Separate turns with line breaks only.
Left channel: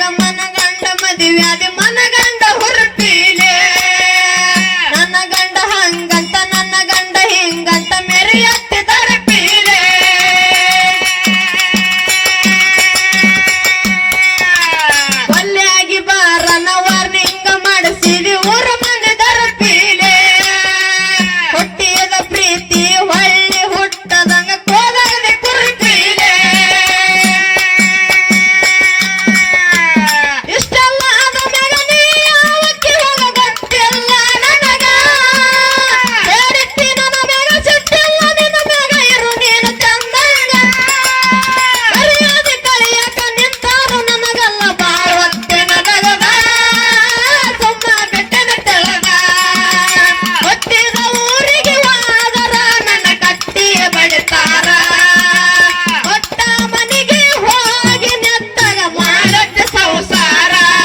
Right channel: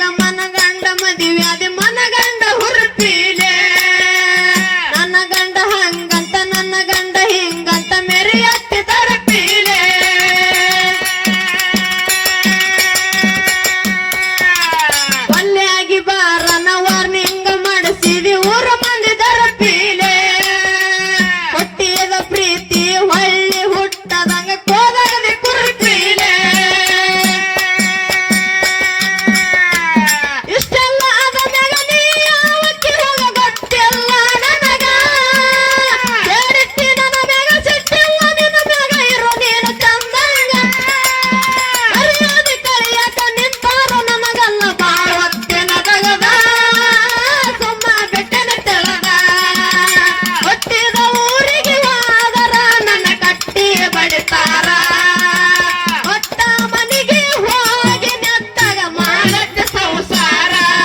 ನನಗ ಮನಗಂಡ ಮದುವೆ ಮನಗಂಡ ನನ್ನ ಗಂಡ ಹಂಗಂತ, ನನ್ನ ಗಂಡ ಹಿಂಗಂತ ಮೆರೆಯತ್ತೆ ತರಪೀಲೆ ಒಲ್ಲೆಯಾಗಿ ಬಾರನ ವಾರ್ನಿಂಗ ಮಾಡಿಸಿದಿ ಊರ en